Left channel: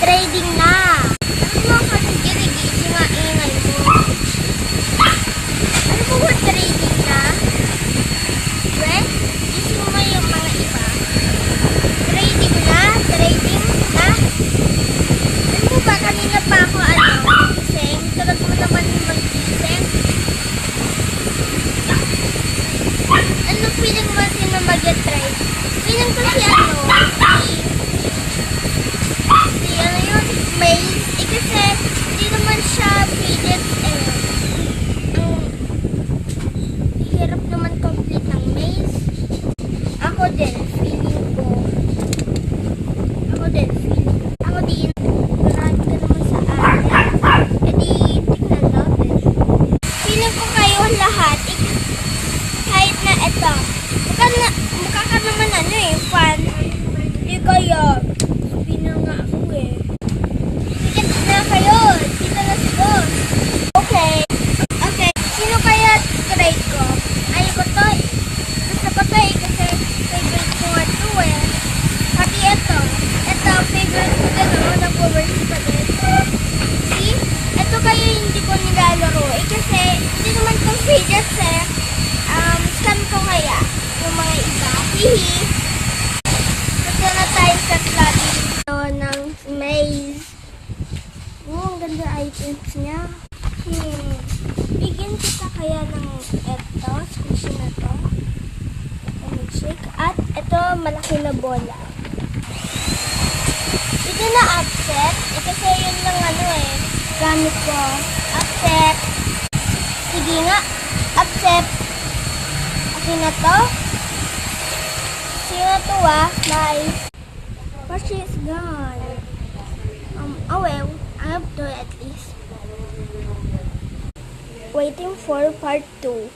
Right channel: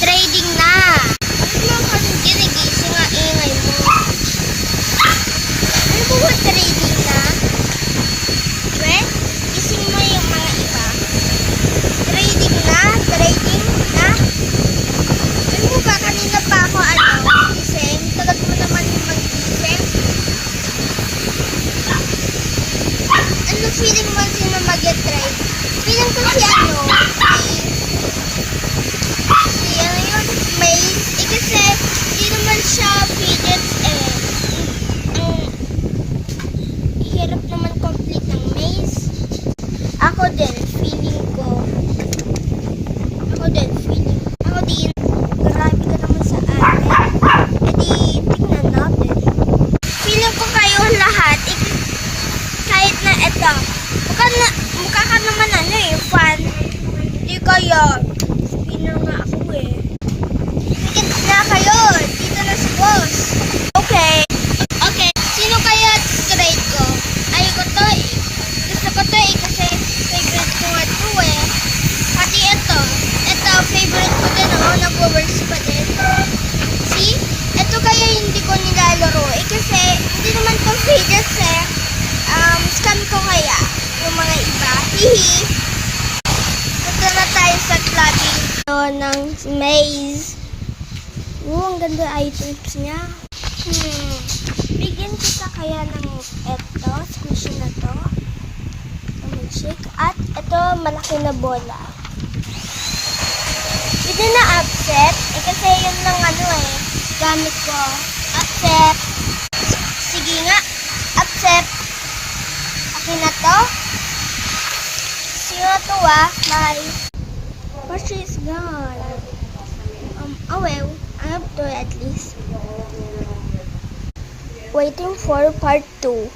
Trading na. Bakit mo kasing ginigising ang ingay mo? Ano po ba trading na? Well, gising mo yung mga iba. Trading na? Trading na? Ano mo ba? Kanina pa ako gising? Tulad mo naman mag-gising. Ano feeling mo sino mag-trade? Feeling ko si Maze. Kasi hindi naman siya fidget ang hirap naman complete ng maze. Ako din, feeling ko. Ako din. Marami ka naman sa akin. Edi, tingnan natin. Feeling ko kayo lahat, kahit na eto. Mukha ka naman fan. Hindi kaya. Sabi nga ako Dito na kayo. Dito na si boss. Okay. Sino kaya trade ko? Ayaw ko to Gusto ko to kasi favorite ko nga to Pati ito. Ito, favorite ko din nag-works pa din. See? Ito kaya hindi ko nilalaro kasi hindi naman to fidgets scam ko kaya yung mga iba. Hihi. Punta na tayo sa clubbing ng maze. Ang ganda items niya. Bigyan kita kaya ng eto, squishy na to. Ito mag-shake. At ito, malaki na bola. Pwede na upset. Kasi yun lang gamit ko. Upset. Sige nga. Upset. Akin na to. Sige nga to Bye. But she's gone. Oh well. I have to at least. Waiting for part 2.